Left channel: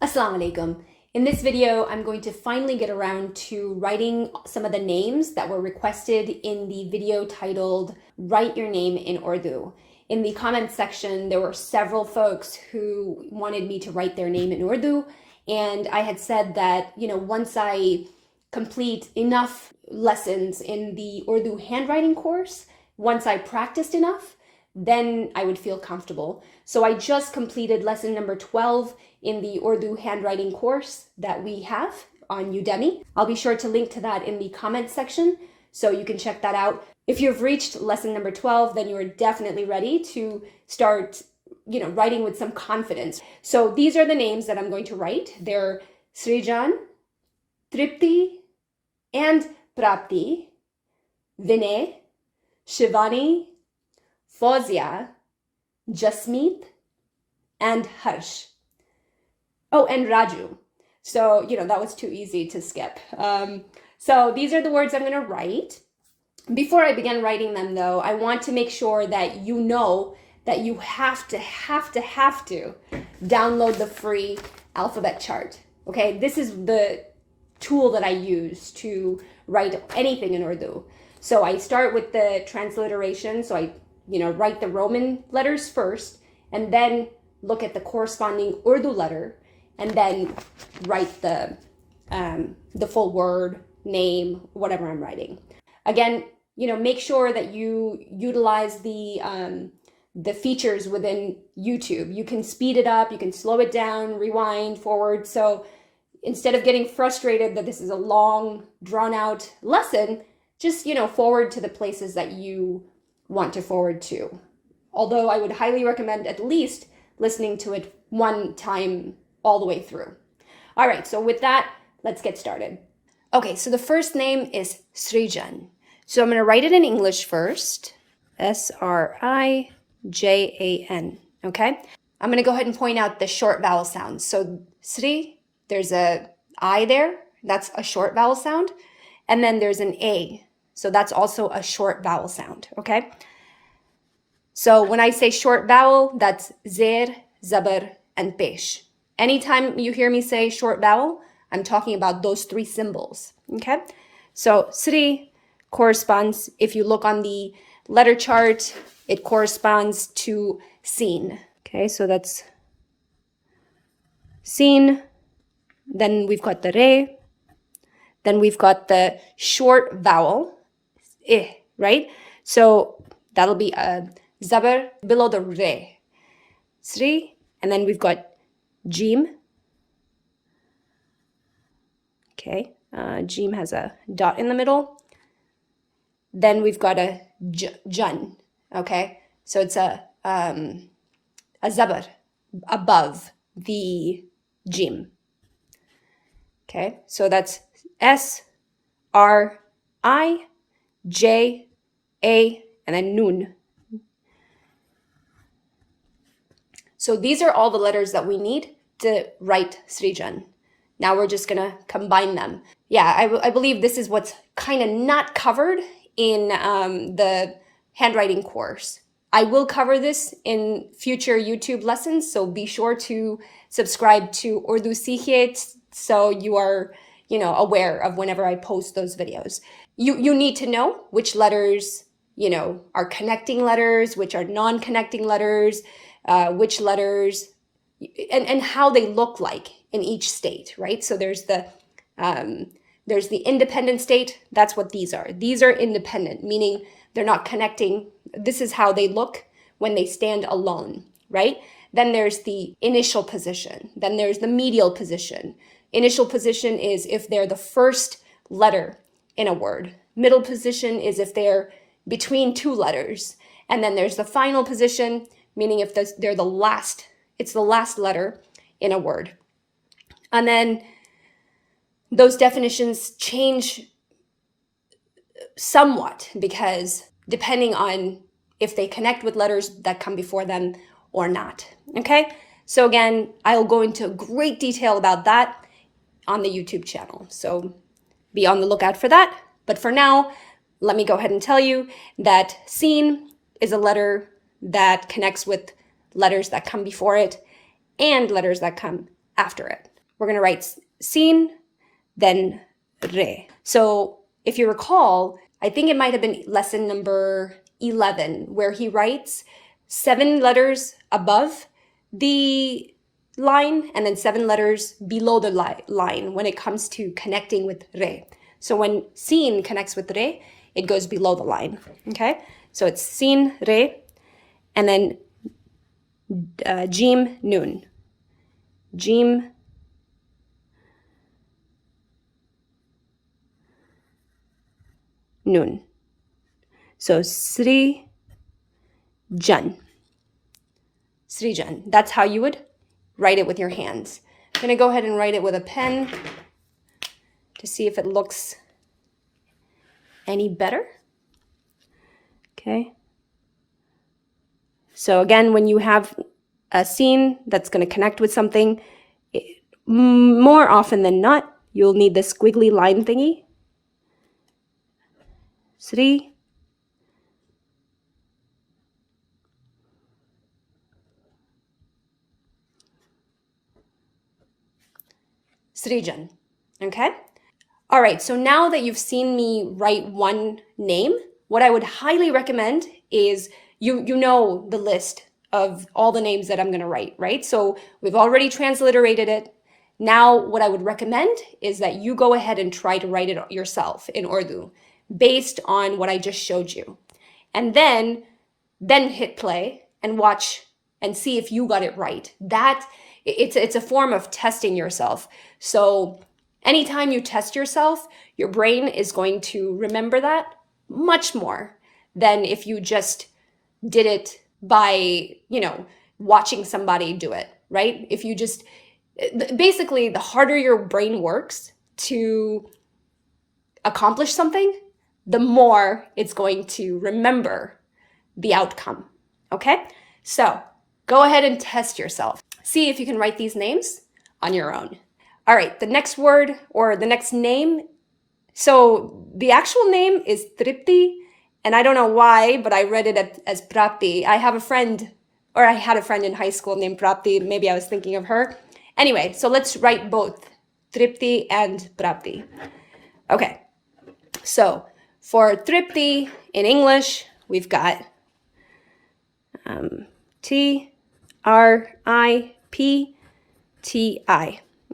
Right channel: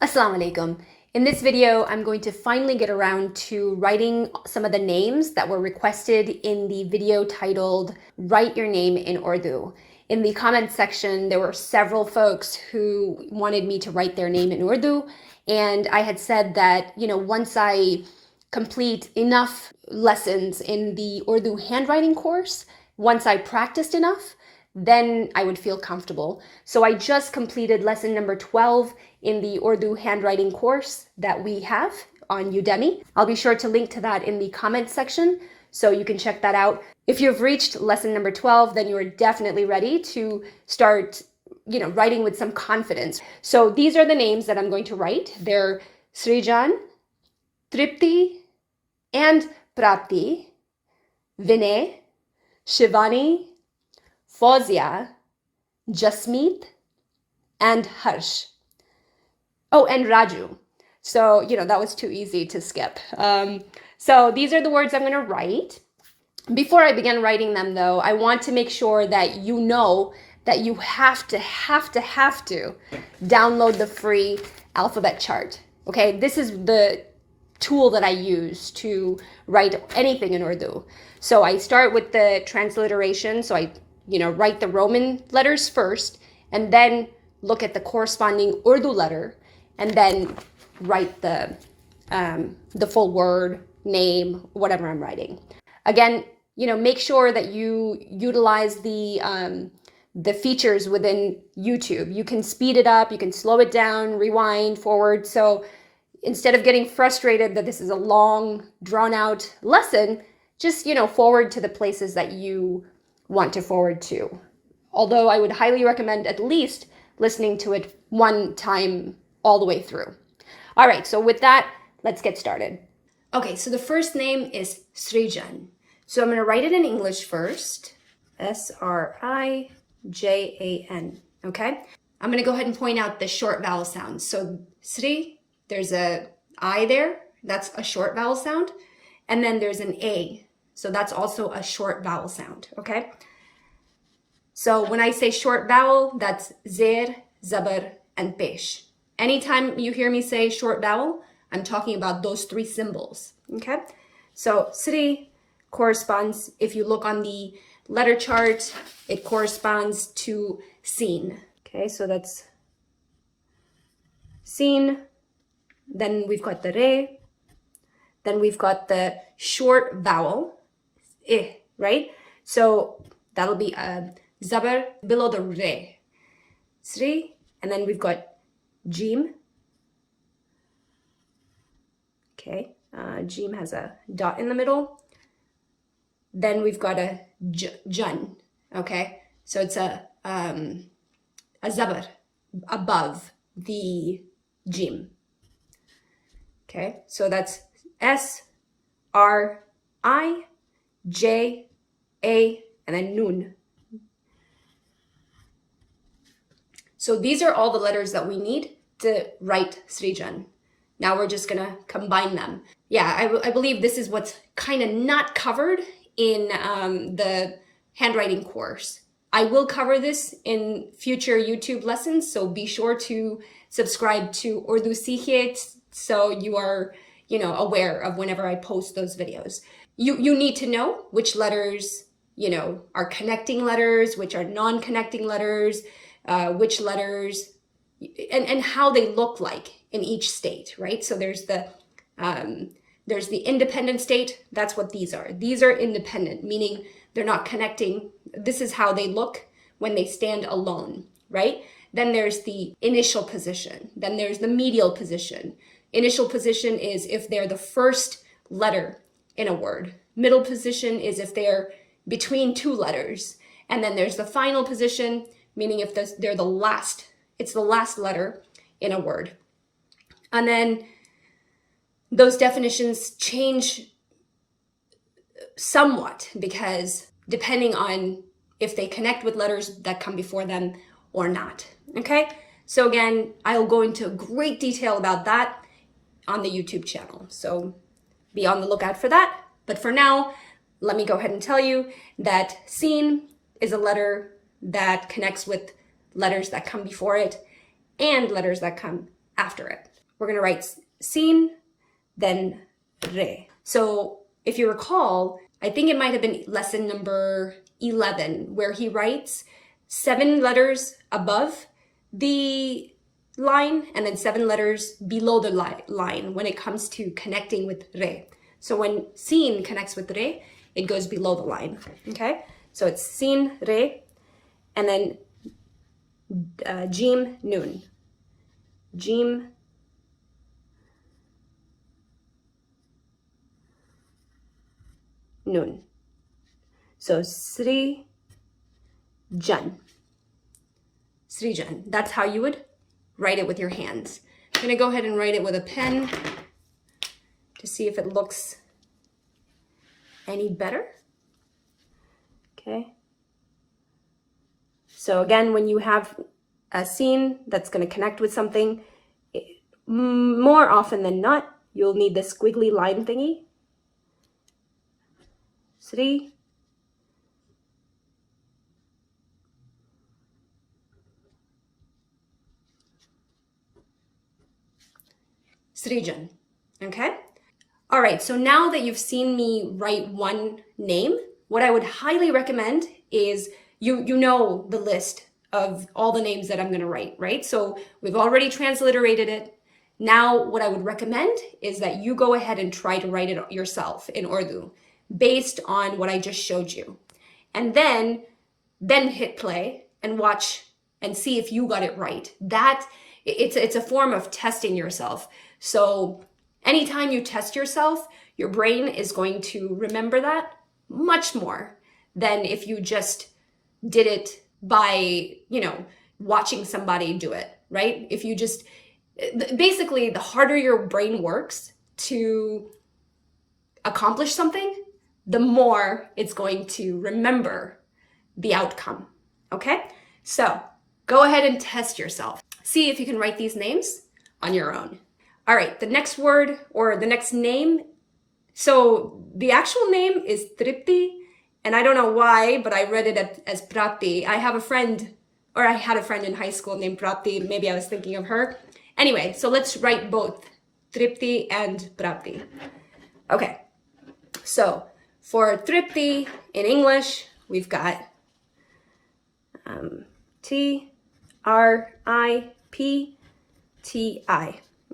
Assalamu alaikum. In this video, I'm going to finally get around to writing some of the names that were requested in the video titled Write Your Name in Urdu. In the comments section, there were several folks who wanted me to write their name in Urdu, and I had said that, once I complete enough lessons in the Urdu handwriting course, once I practiced enough, then I would feel comfortable. So I just completed lesson number 12 in the Urdu handwriting course that we have on Udemy. I'll be sure to link to that in the comments section so you can check that out. If you've reached lesson number 12, then you are definitely ready to start, writing with some confidence. So these are the names that I'm going to write. They're Srijan, Tripti, and Prati, Vinay, Shivani, Fahzia, Jasmeet, and Harsh. Oh, and Raju. So, that was too easy to skip. So these are the words I'm going to write. Before I begin writing them, though, I want to make sure that you know that you have to download the free alphabet chart. Okay, this is the tool that I use to write anything in Urdu. So I start with the transliteration. So I, write the Roman letters first, and then look at the corresponding Urdu letter, and then write the full word, name, whatever I'm writing. Again, make sure that you utilize the features within YouTube. You can speed it up, you can slow it down, rewind, forward. So instead of getting frustrated that this is a long, drawn out lesson, just, forward to the places that you want to forward to. Although I would highly recommend at least listening to it one time all the way through. All right, so with that, let's get started. Okay, so the first name is Srijan. So I'm going to write it in English first. Srijan, okay? I'm going to go ahead and point out the short vowel sounds. So Sri, there's a I there. That's a short vowel sound. And then there's an A. So that's also a short vowel sound, okay? So when I say short vowel, that's zaber, zaber, and pesh. Anytime you hear me say short vowel, I'm talking about those three symbols, okay? So Sri corresponds, if you look on the letter chart, it corresponds to Sin. Okay, so that's Sin. Then we've got the Re. Then we've got the short vowel, right? So that'll be a zaber below the Re. Sri. And then we've got Jim. Okay, Jim has a dot in the middle. Then we've got a Jun. Okay, so it's a zaber above the Jim. Okay, so that's S-R-I-J-A and then Nun. So these are all the letters that we need to write Srijan. Now we're just gonna combine them. Yeah, I believe this is what's kind of not covered in the handwriting course. I will cover this in future YouTube lessons, so be sure to subscribe to Urdu Seekhiye so you are, aware of whenever I post those videos. You need to know which letters, are connecting letters, which are non-connecting letters, which letters, and how they look like in each state, right? So there's the independent state. That's what these are. These are independent, meaning they're not connecting. This is how they look when they stand alone, right? Then there's the initial position. Then there's the medial position. Initial position is if they're the first letter in a word. Middle position is if they're between two letters. And then there's the final position, meaning if they're the last, it's the last letter in a word. And then those definitions change somewhat because depending on if they connect with letters that come before them or not, okay? So again, I'll go into great detail about that on the YouTube channel. So be on the lookout for that. But for now, let me go ahead and tell you that Sin is a letter that connects with letters that come before it and letters that come after it. We're going to write sin, then re. So if you recall, I think it might have been lesson number 11, where he writes 7 letters above the line and then 7 letters below the line when it comes to connecting with re. So when sin connects with re, it goes below the line, okay? So it's sin, re, and then jim, nun. Jim, nun. So Sri Jan. Srijan. That's how you would write it with your hands. I'm going to go ahead and write it with a pen to see if it looks any better. Okay. So again, when you have a scene that's going to connect with something, more often than not, you'll need this squiggly line thingy. Sri. Srijan, okay? All right, so now that you've seen me write one name, what I would highly recommend is you know the list of all the names that I'm gonna write, right? So we've already transliterated it. Now what I would recommend is that you go ahead and try to write it yourself in Urdu based on what I just showed you. And then hit play and watch and see if you got it right. It's a form of testing yourself. So anytime you test yourself, your brain is going to remember that much more than if you just did it by, watching somebody do it, right? If you just, basically, the harder your brain works to accomplish something, the more it's going to remember the outcome, okay? So go ahead and test yourself. See if you can write these names on your own. All right, the next word or the next name. So the actual name is Tripti, and I don't know why, but I read it as Prati. I had a friend in high school named Prati. Maybe I was thinking of her. Anyway, so let's write both Tripti and Prati. Okay, so for Tripti in English, we've got Tripti.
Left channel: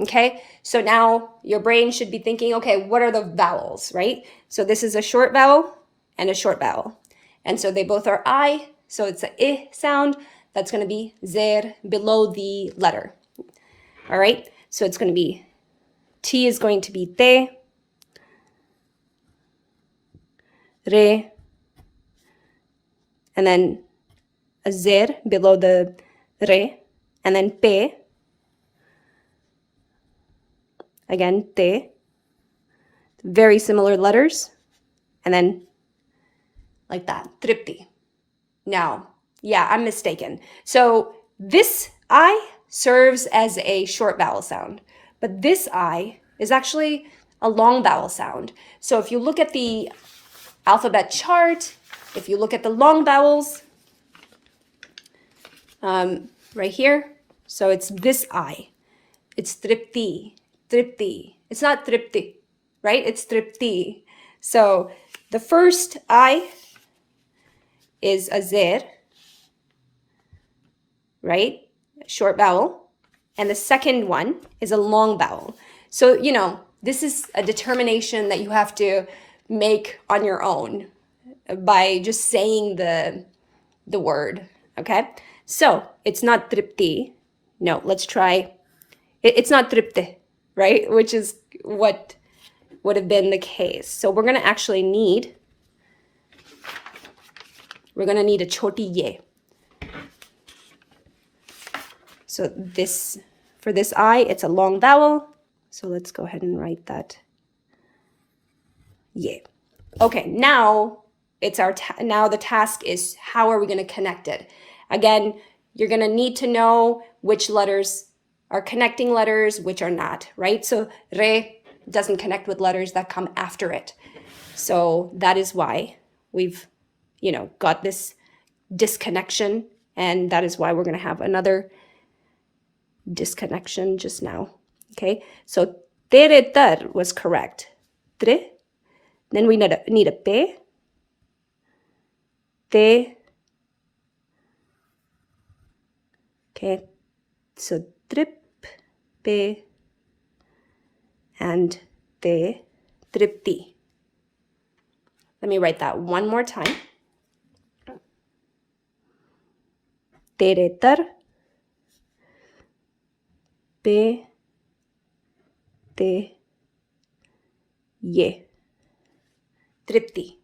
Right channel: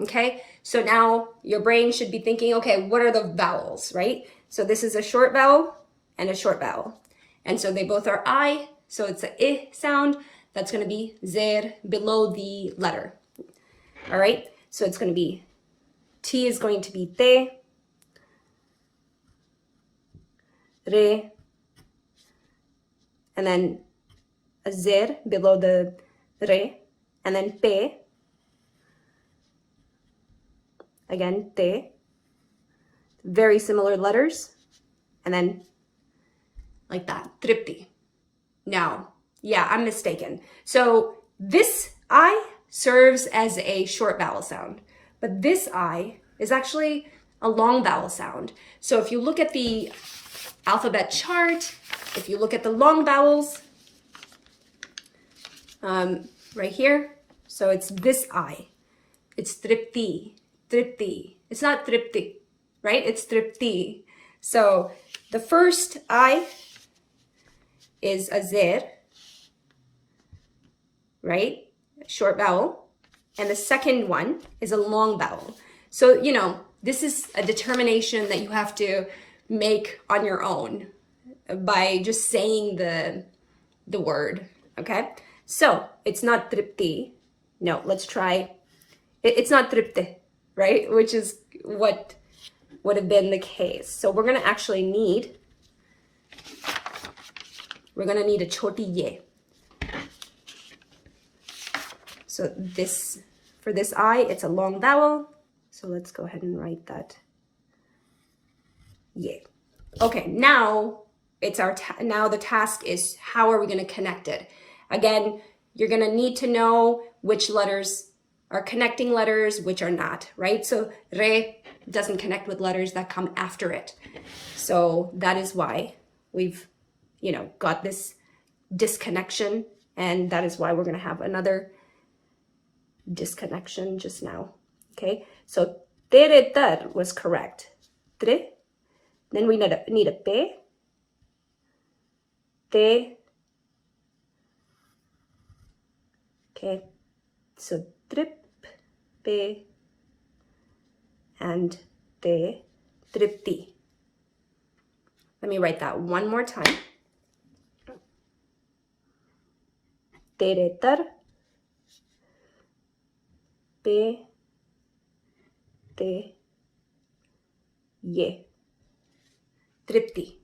Okay, so now your brain should be thinking, okay, what are the vowels, right? So this is a short vowel and a short vowel. And so they both are I, so it's an I sound. That's going to be zer below the letter. All right, so it's going to be, T is going to be te, re, and then a zer below the re, and then pe, again, te, very similar letters, and then like that, Tripti. Now, yeah, I'm mistaken. So this I serves as a short vowel sound, but this I is actually a long vowel sound. So if you look at the alphabet chart, if you look at the long vowels, right here, so it's this I. It's Tripti, Tripti. It's not Tripti, right? It's Tripti. So the first I is a zer, right? Short vowel. And the second one is a long vowel. So, this is a determination that you have to make on your own by just saying the word, okay? So it's not Tripti. No, let's try. It's not Tripti, right? Which is what would have been the case. So we're going to actually need, a choti ye. So for this I, it's a long vowel. So let's go ahead and write that. Yeah. Okay, now it's now the task is how are we going to connect it? Again, you're going to need to know which letters are connecting letters, which are not, right? So re doesn't connect with letters that come after it. So that is why we've, got this disconnection, and that is why we're going to have another disconnection just now. Okay, so tere tar was correct. Tre. Then we need a pe. Te. Okay, so trip, pe, and te, tripti. Let me write that one more time. Tere tar, pe, te, ye. Tripti.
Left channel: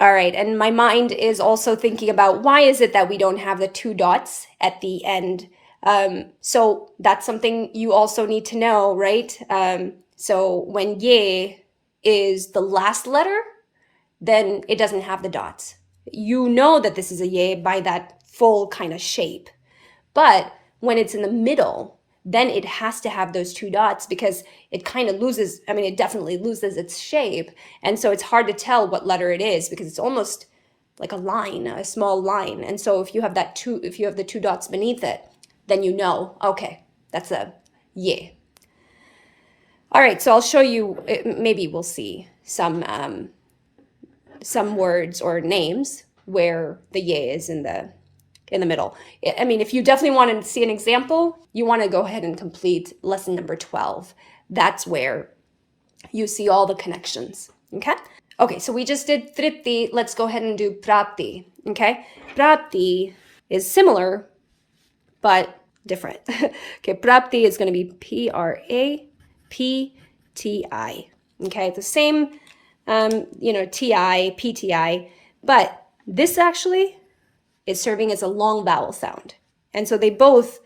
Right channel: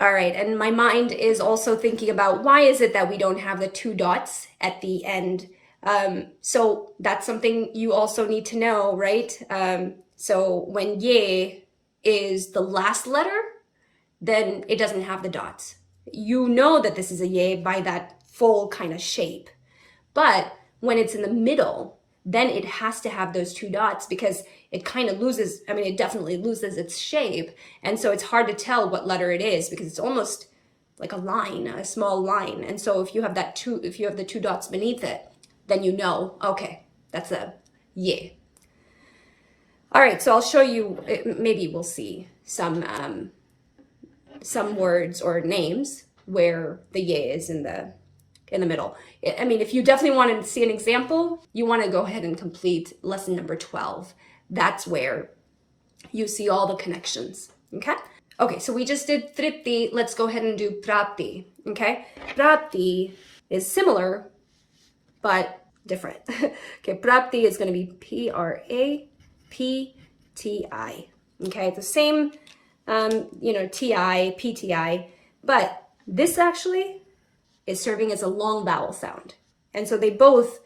All right, and my mind is also thinking about why is it that we don't have the 2 dots at the end? So that's something you also need to know, right? So when ye is the last letter, then it doesn't have the dots. You know that this is a ye by that full kind of shape. But when it's in the middle, then it has to have those 2 dots because it kind of loses, I mean, it definitely loses its shape. And so it's hard to tell what letter it is because it's almost like a line, a small line. And so if you have if you have the 2 dots beneath it, then you know, okay, that's a ye. All right, so I'll show you, maybe we'll see some words or names where the ye is in the middle. I mean, if you definitely want to see an example, you want to go ahead and complete lesson number 12. That's where you see all the connections, okay? Okay, so we just did Tripti. Let's go ahead and do Prati, okay? Prati is similar, but different. Okay, Prati is going to be P-R-A-P-T-I, okay? The same, T-I, P-T-I, but this actually is serving as a long vowel sound. And so they both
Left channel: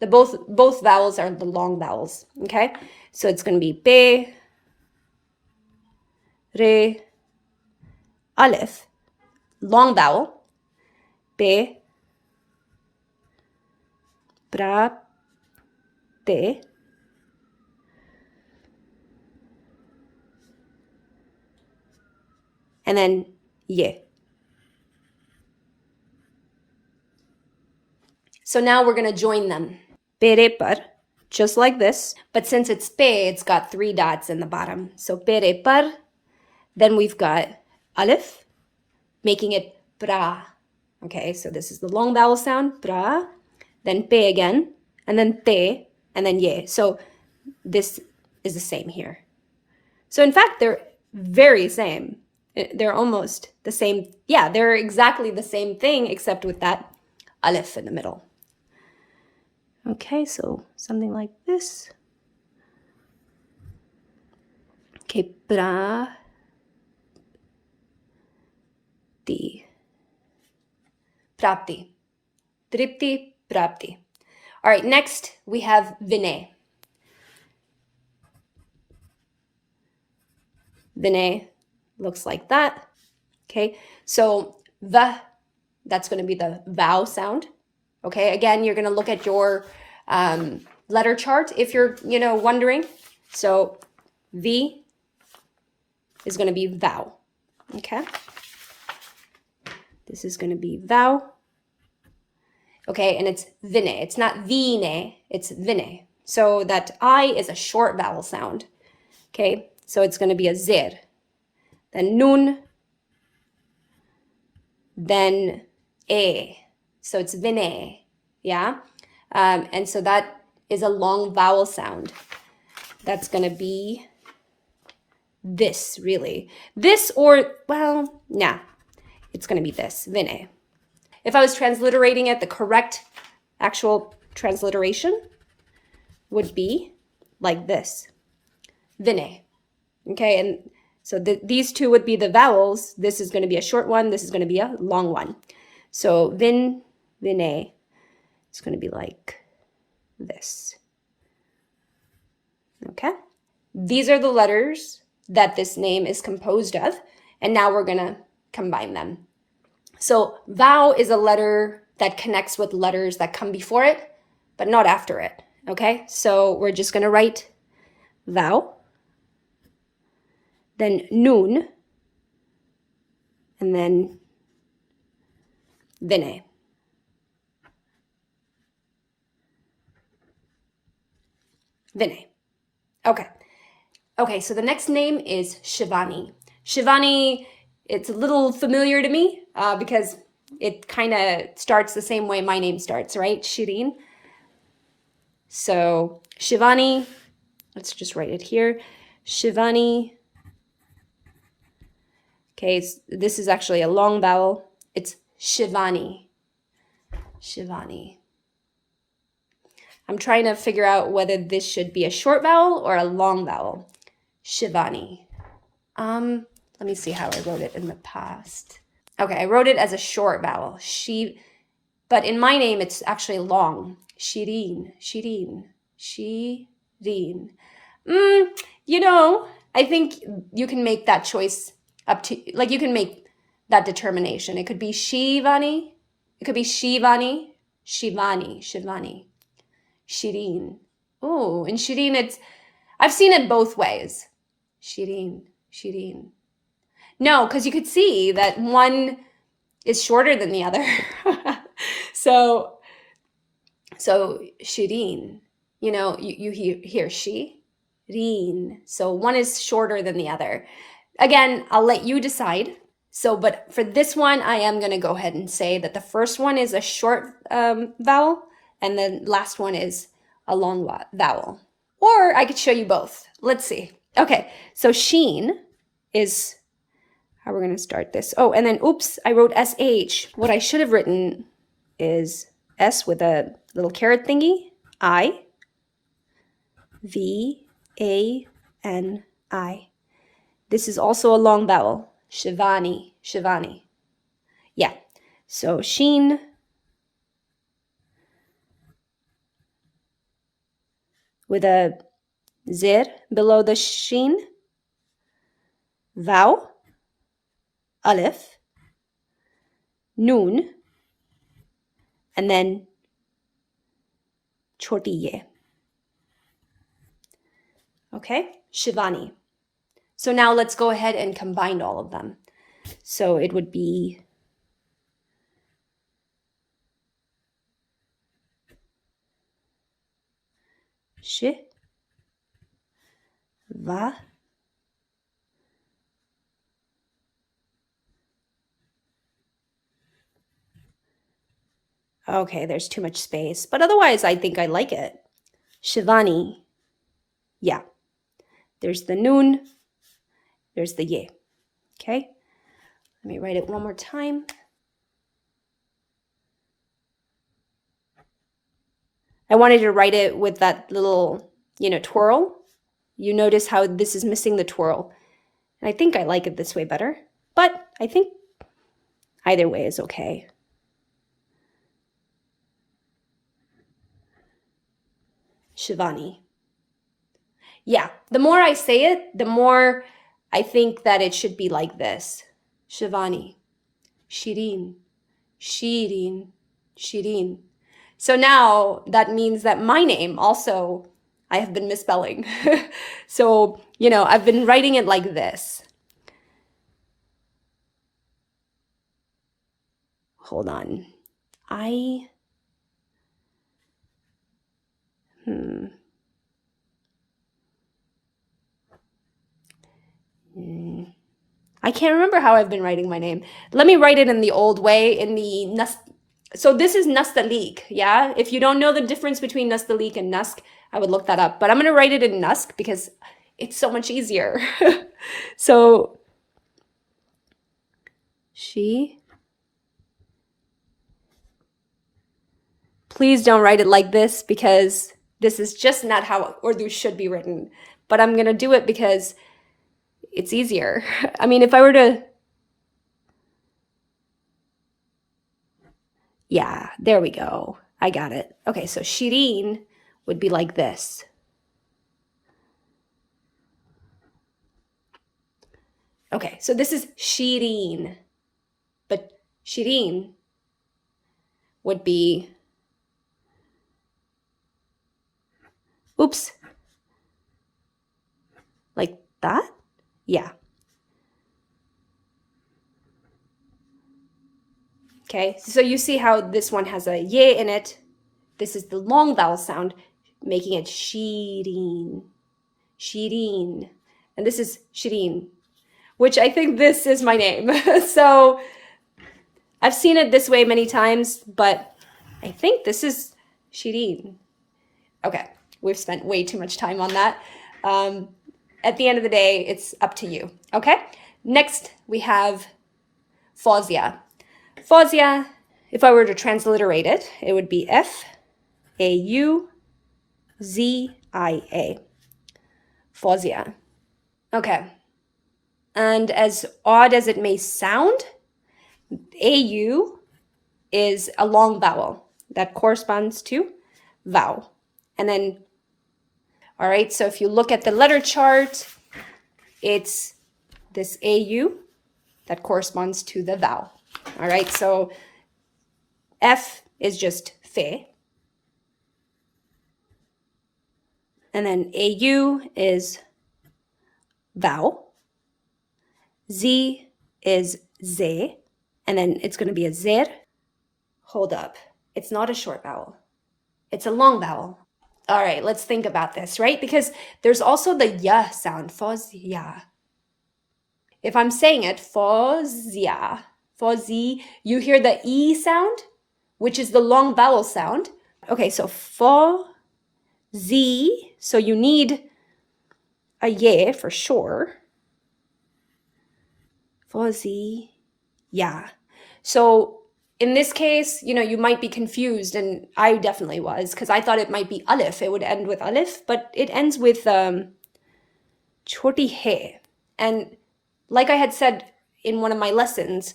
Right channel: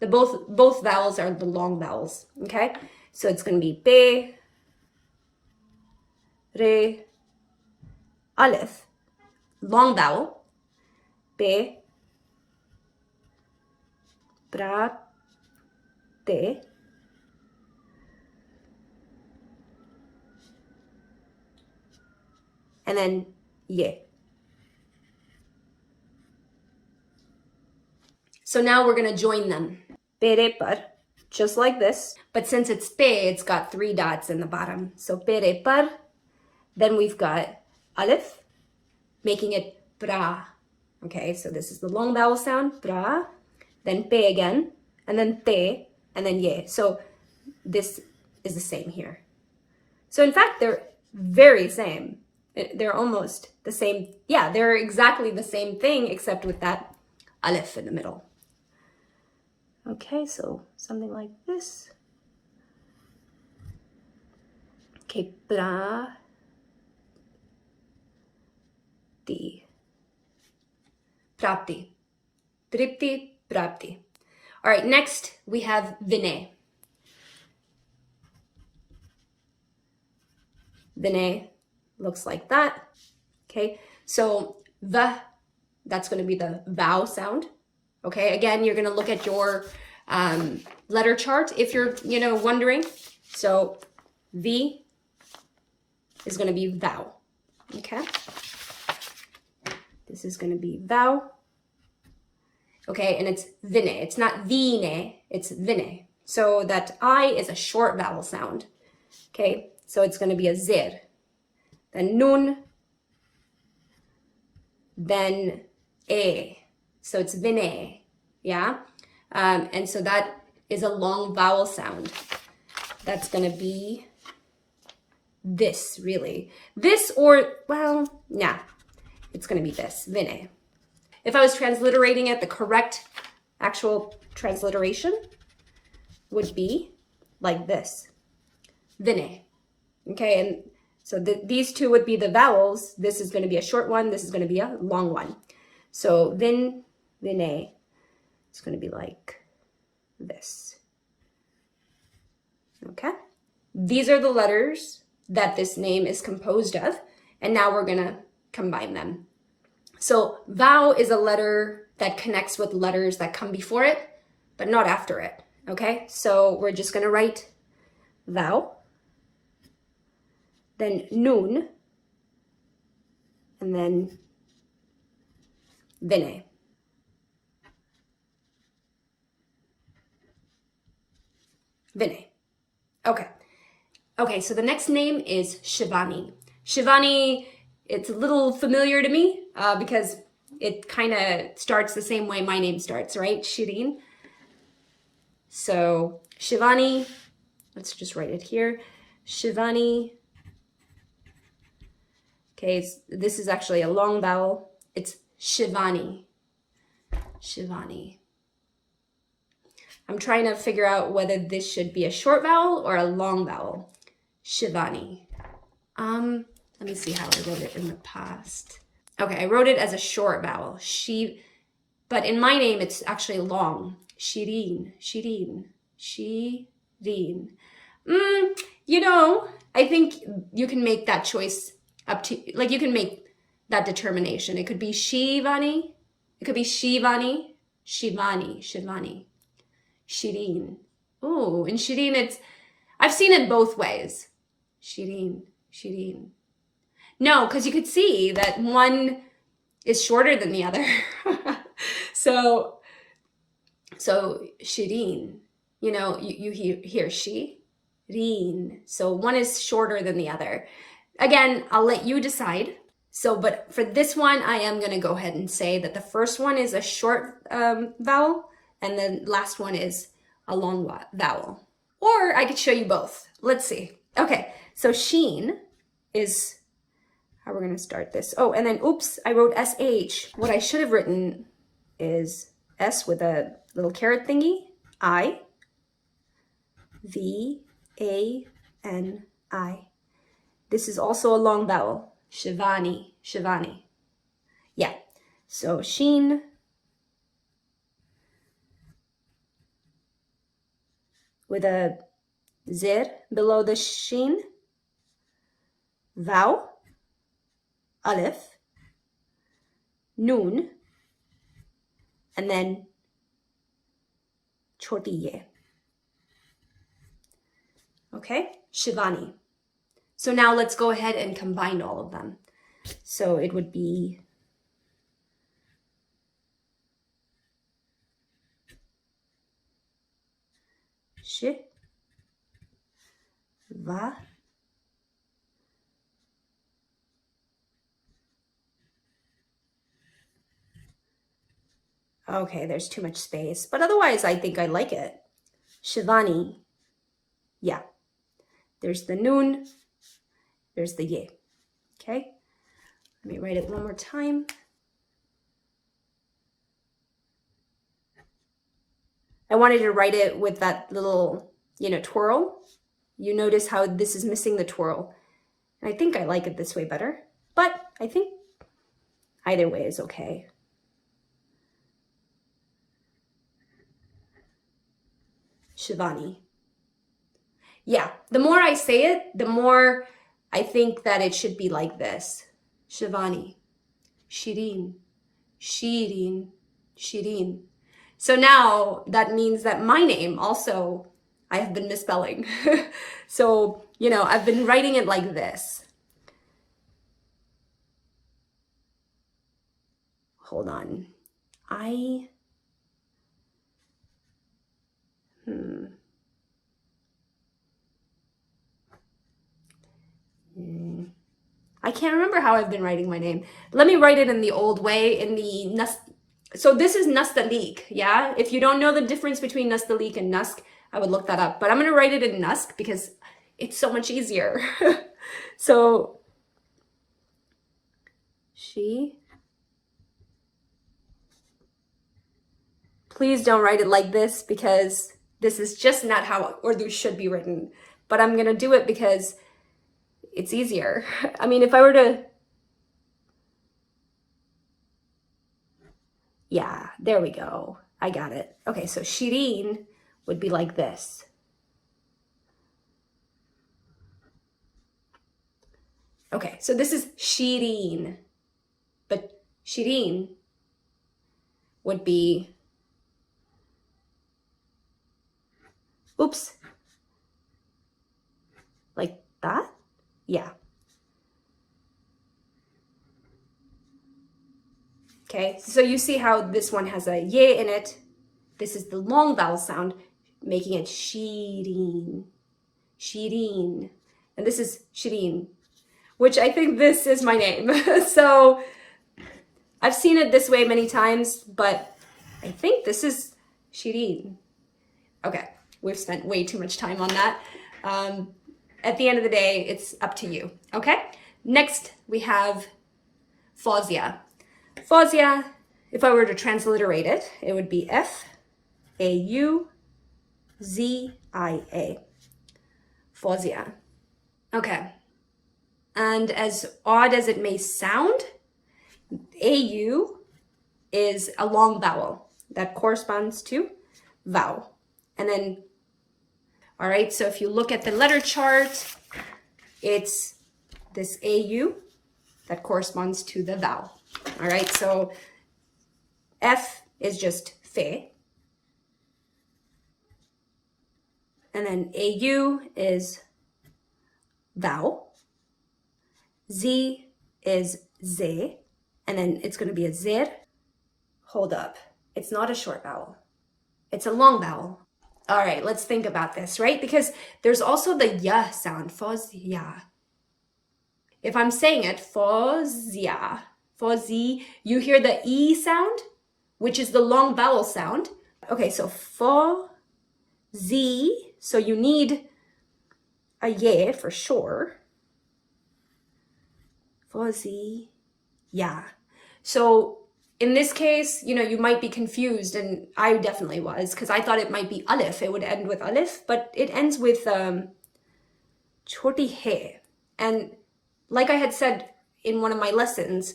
vowels are the long vowels, okay? So it's going to be pe, re, alif, long vowel, pe, pra, te, and then ye. So now we're going to join them. Perepar, just like this. But since it's pe, it's got 3 dots in the bottom. So perepar. Then we've got alif, making it pra. Okay, so this is the long vowel sound, pra. Then pe again, and then te, and then ye. So this is the same here. So in fact, they're very same. They're almost the same. Yeah, they're exactly the same thing, except with that alif in the middle. Okay, so something like this. Okay, pra, ti, prati, tripti, prati. All right, next we have vinay. Vinay looks like that. Okay, so that's going to be the vowel sound. Okay, again, you're going to look at your letter chart if you're, wondering. So V is going to be vowel. Okay, this is going to be vowel. Okay, and it's vinay. It's not vine, it's vinay. So that I is a short vowel sound. Okay, so it's going to be a zir. Then nun, then a. So it's vinay, yeah? And so that is a long vowel sound. That's going to be this, really. This or, well, nah, it's going to be this, vinay. If I was transliterating it, the correct actual transliteration would be like this, vinay. Okay, and so these 2 would be the vowels. This is going to be a short one. This is going to be a long one. So vinay, it's going to be like this. Okay, these are the letters that this name is composed of. And now we're going to combine them. So vowel is a letter that connects with letters that come before it, but not after it. Okay, so we're just going to write vowel, then nun, and then vinay. Vinay. Okay. Okay, so the next name is Shivani. Shivani, it's a little familiar to me because it kind of starts the same way my name starts, right? Shirin. So Shivani, let's just write it here. Shivani. Okay, this is actually a long vowel. It's Shivani. Shivani. I'm trying to figure out whether this should be a short vowel or a long vowel. Shivani. Let me see how I wrote it in the past. Okay, I wrote it as a short vowel. But in my name, it's actually long. Shirin, Shirin, Shirin. You know, I think you can make that choice up to, like you can make that determination. It could be Shivani. It could be Shivani, Shivani, Shivani, Shirin. Oh, in Shirin, I've seen it both ways. Shirin, Shirin. No, because you could see that one is shorter than the other. so Shirin, you know, you hear Shirin. So one is shorter than the other. Again, I'll let you decide. So, but for this one, I am going to go ahead and say that the first one is a short vowel and the last one is a long vowel. Or I could show you both. Let's see. Okay, so Sheen is how we're going to start this. Oh, and then, oops, I wrote SH. What I should have written is S with a little caret thingy. I. V. A. N. I. This is also a long vowel. Shivani. Shivani. Yeah. So Sheen. With a zir below the Sheen. Vowel. Alif. Noon. And then choti ye. Okay, Shivani. So now let's go ahead and combine all of them. So it would be Shi, Va, okay, there's too much space, but otherwise I think I like it. Shivani, yeah. There's the noon, there's the ye. Okay, let me write it one more time. I wanted to write it with that little, twirl. You notice how this is missing the twirl. And I think I like it this way better, but I think either way is okay. Shivani. Yeah, the more I say it, the more I think that it should be like this. Shivani, Shirin, Shirin, Shirin. So now that means that my name also I have been misspelling. So, I've been writing it like this. Hold on. I can't remember how I've been writing my name. Let me write it in the old way, so this is Nastalik, yeah? If you don't know the difference between Nastalik and Nusk, I would look that up. But I'm going to write it in Nusk because it's so much easier. So, please don't write it like this because this is just not how Urdu should be written. But I'm going to do it because it's easier. I mean, if I were to... Yeah, there we go. I got it. Okay, so Shirin would be like this. Okay, so this is Shirin, but Shirin would be, oops, like that? Yeah. Okay, so you see how this one has a ye in it. This is the long vowel sound. making it Shirin, Shirin. And this is Shirin, which I think this is my name. So I've seen it this way many times, but I think this is Shirin. Okay, we've spent way too much time on that. At the end of the day, it's up to you, okay? Next, we have Fahzia. Fahzia, if I were to transliterate it, it would be F-A-U-Z-I-A. Fahzia. Okay. And as odd as it may sound, A-U is a long vowel that corresponds to vowel. And then, all right, so if you look at the letter chart, it's this AU that corresponds to the vowel. All right, so F is just fe. And then AU is vowel. Z is ze. And then it's going to be a zer. Hold up. It's not a short vowel. It's a long vowel. All right, let's think about this, right? Because there's also the ya sound, Fahzia. If I'm saying it, Fahzia, Fahzi, you hear the E sound, which is the long vowel sound. Okay, so Fahzi, so you need a ye for sure. Fahzi, yeah. So in this case, you know, you might be confused, and I definitely was, because I thought it might be alif. It would end with alif, but it ends with choti he. And like I had said in one of my lessons,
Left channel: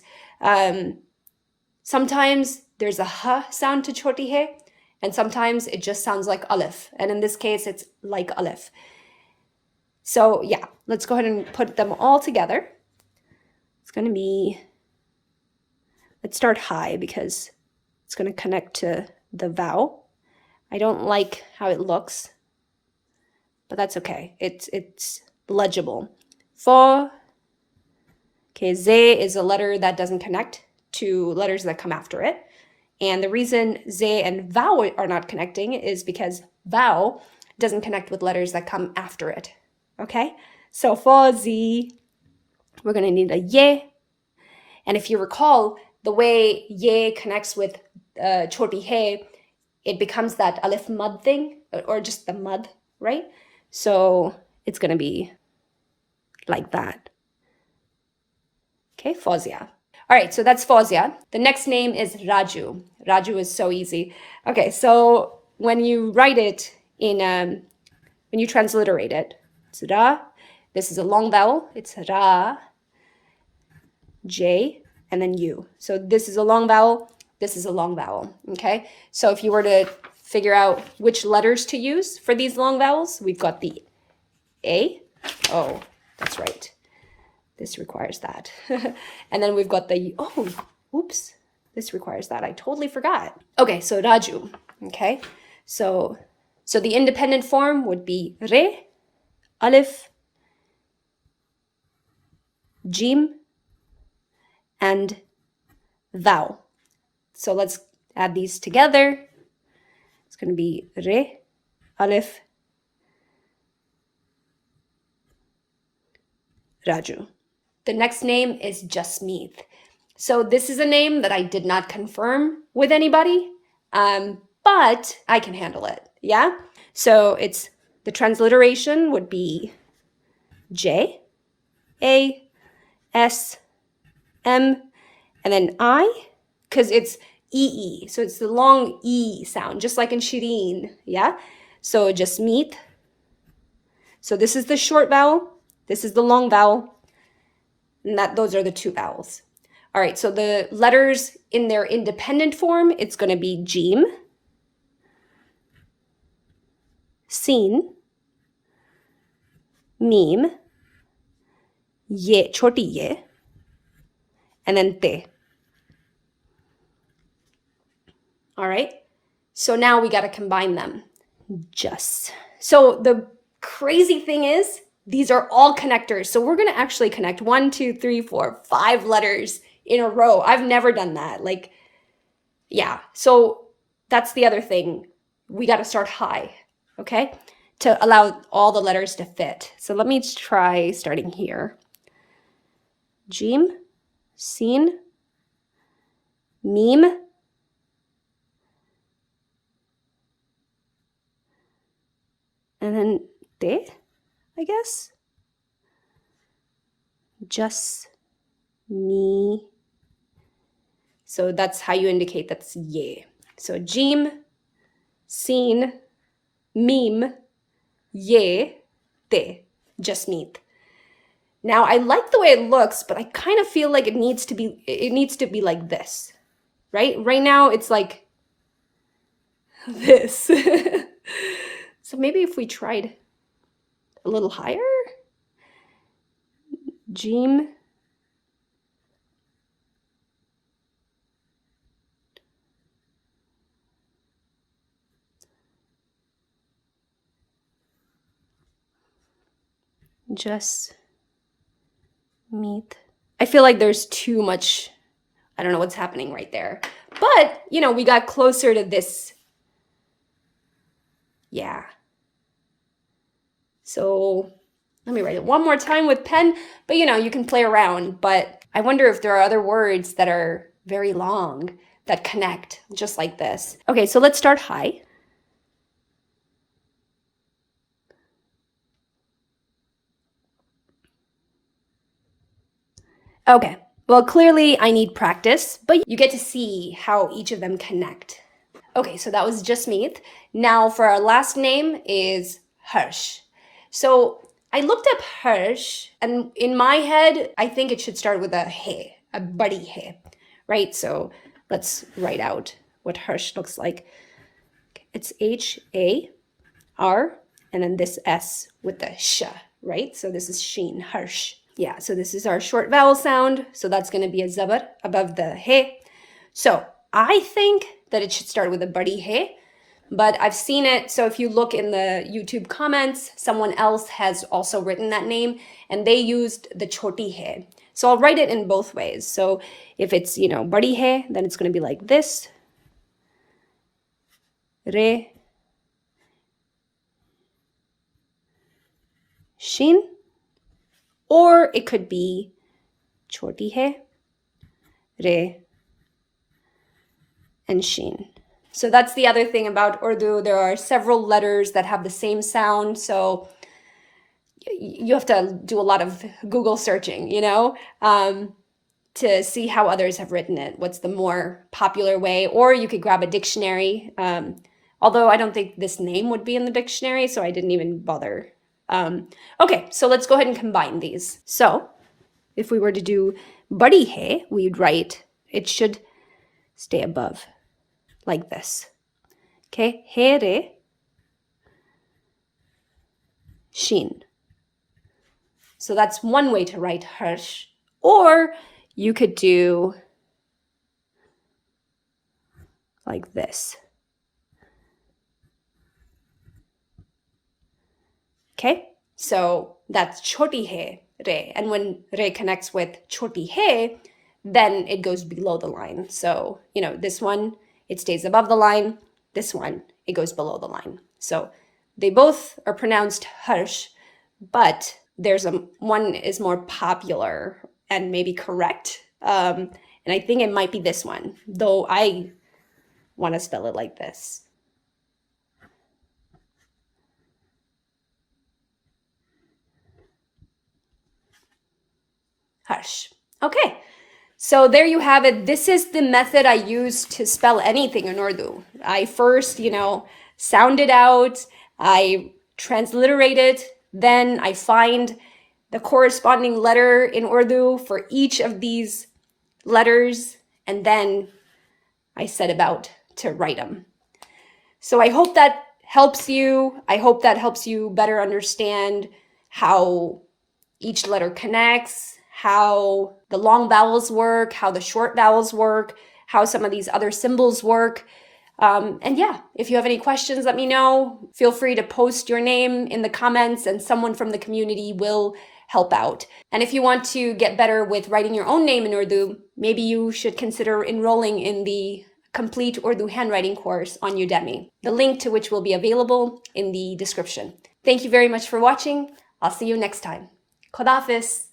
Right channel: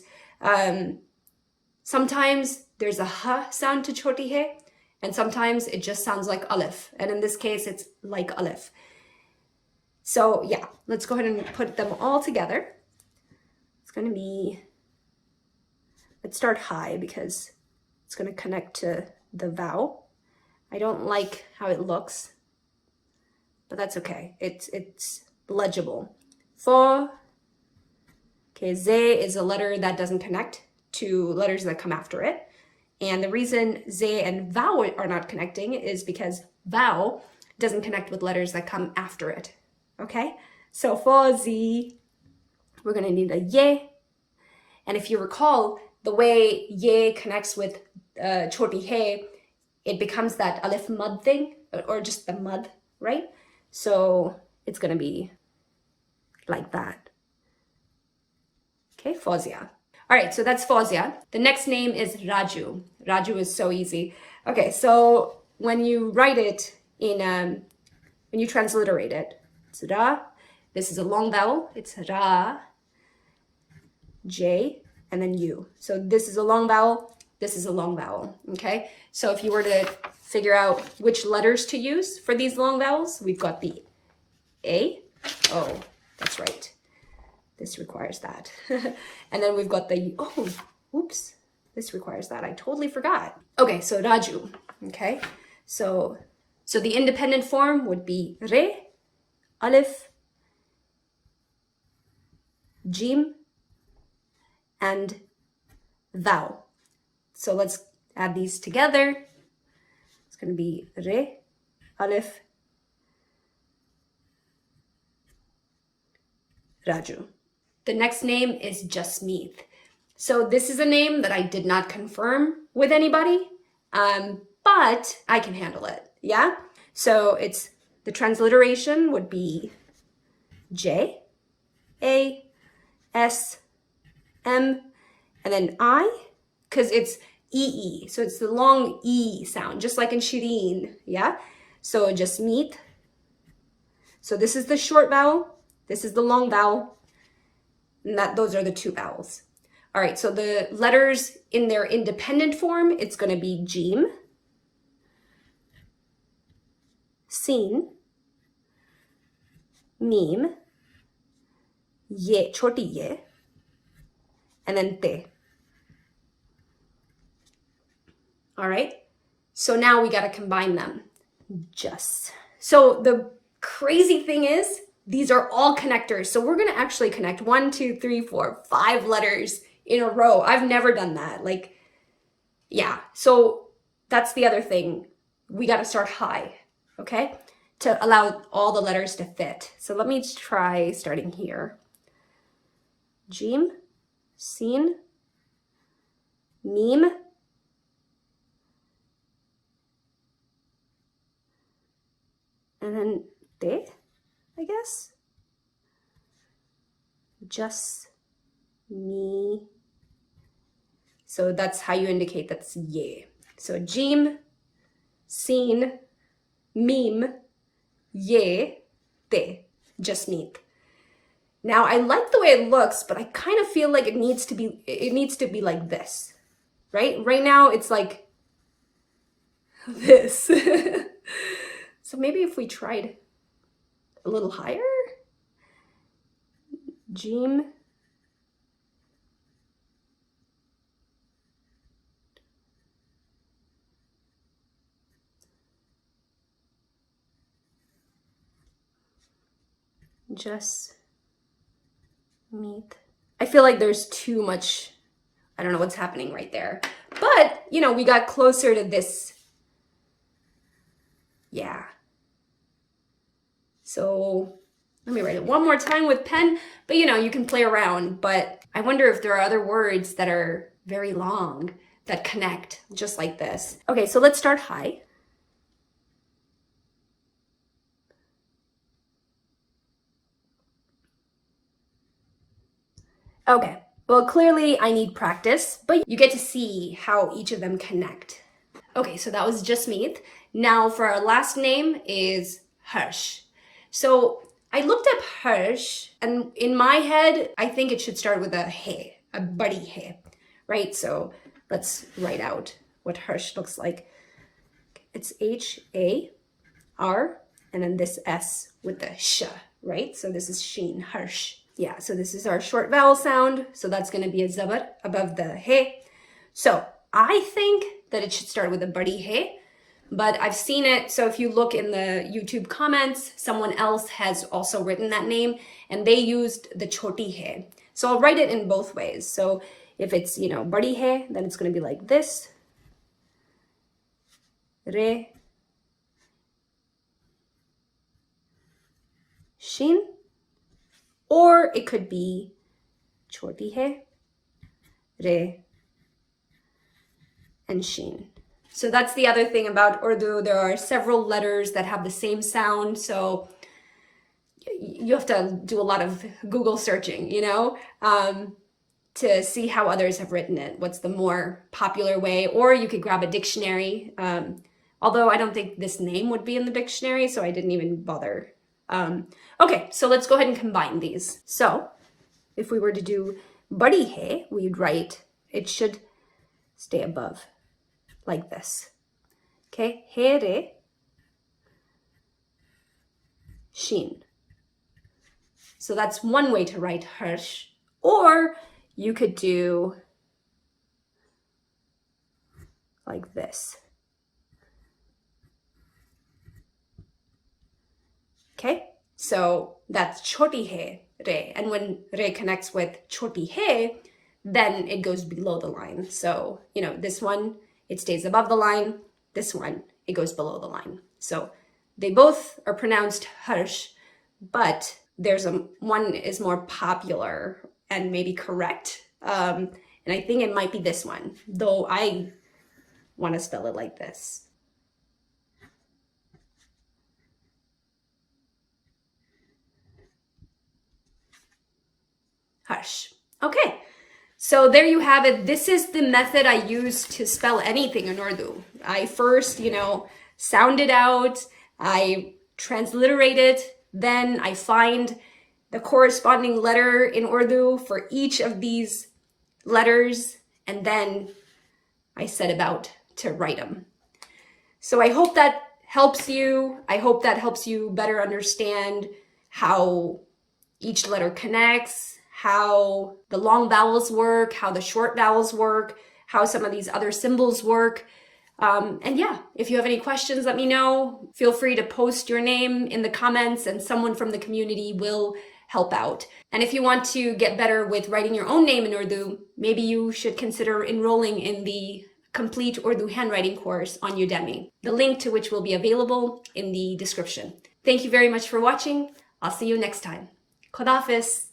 sometimes there's a h sound to choti he, and sometimes it just sounds like alif. And in this case, it's like alif. So yeah, let's go ahead and put them all together. It's going to be... Let's start high because it's going to connect to the vowel. I don't like how it looks, but that's okay. It's legible. Fa. Okay, ze is a letter that doesn't connect to letters that come after it. And the reason ze and vowel are not connecting is because vowel doesn't connect with letters that come after it. Okay? So fa, zi, we're going to need a ye. And if you recall, the way ye connects with choti he, it becomes that alif mud thing, or just the mud, right? So it's going to be like that. Okay, Fahzia. All right, so that's Fahzia. The next name is Raju. Raju is so easy. Okay, so when you write it in, when you transliterate it, it's Ra. This is a long vowel. It's Ra, J, and then U. So this is a long vowel, this is a long vowel, okay? So if you were to figure out which letters to use for these long vowels, we've got the A. Oh, that's right. This requires that. And then we've got the, oh, oops, this requires that. I totally forgot. Okay, so Raju, okay? So the independent form would be Re, Alif, Jim, and vowel. So let's add these together. It's going to be Re, Alif, Raju. The next name is Jasmeet. So this is a name that I did not confirm with anybody, but I can handle it, yeah? So it's, the transliteration would be J, A, S, M, and then I, because it's E-E, so it's the long E sound, just like in Shirin, yeah? So Jasmeet. So this is the short vowel, this is the long vowel, and those are the two vowels. All right, so the letters in their independent form, it's going to be Jim, Sin, Mim, Ye, choti ye, and then te. All right, so now we got to combine them. So the crazy thing is, these are all connectors. So we're going to actually connect 1, 2, 3, 4, 5 letters in a row. I've never done that. Yeah. So that's the other thing. We got to start high. okay? To allow all the letters to fit. So let me try starting here. Jim, Sin, Meme, and then De, I guess. Just me. So that's how you indicate that's ye. So Jim, Sin, Meme, ye, Te, just meet. Now I like the way it looks, but I kind of feel like it needs to be like this, right? Right now it's like this. So maybe if we tried a little higher, Jim, just meet. I feel like there's too much, I don't know what's happening right there. But, you know, we got closer to this. Yeah. So let me write it one more time with pen, but you know, you can play around. But I wonder if there are other words that are very long that connect just like this. Okay, so let's start high. Okay, well, clearly I need practice, but you get to see how each of them connect. Okay, so that was just Meath. Now for our last name is Harsh. So I looked up Harsh, and in my head, I think it should start with a he, a buddy he, right? So let's write out what Harsh looks like. It's H-A-R, and then this S with the sh, right? So this is Sheen, Harsh. Yeah, so this is our short vowel sound. So that's going to be a zaber above the he. So I think that it should start with a buddy he, but I've seen it. So if you look in the YouTube comments, someone else has also written that name and they used the choti he. So I'll write it in both ways. So if it's, you know, buddy he, then it's going to be like this. Re, shin. Or it could be choti he, re, and shin. So that's the other thing about Urdu. There are several letters that have the same sound. So you have to do a lot of Google searching, you know, to see how others have written it. What's the more popular way? Or you could grab a dictionary. Although I don't think this name would be in the dictionary, so I didn't even bother. Okay, so let's go ahead and combine these. So if we were to do buddy he, we'd write, it should stay above, like this. Okay, he re, shin. So that's one way to write harsh. Or you could do like this. Okay, so that's choti he, re. And when re connects with choti he, then it goes below the line. So, you know, this one, it stays above the line. This one, it goes below the line. So they both are pronounced harsh, but there's one is more popular and maybe correct. And I think it might be this one, though I want to spell it like this. Hush. Okay, so there you have it. This is the method I use to spell anything in Urdu. I first, you know, sound it out, I transliterate it, then I find the corresponding letter in Urdu for each of these letters, and then I set about to write them. So I hope that helps you. I hope that helps you better understand how each letter connects, how the long vowels work, how the short vowels work, how some of these other symbols work. And yeah, if you have any questions, let me know. Feel free to post your name in the comments and someone from the community will help out. And if you want to get better with writing your own name in Urdu, maybe you should consider enrolling in the complete Urdu handwriting course on Udemy, the link to which will be available in the description. Thank you very much for watching. I'll see you next time. Khodafis.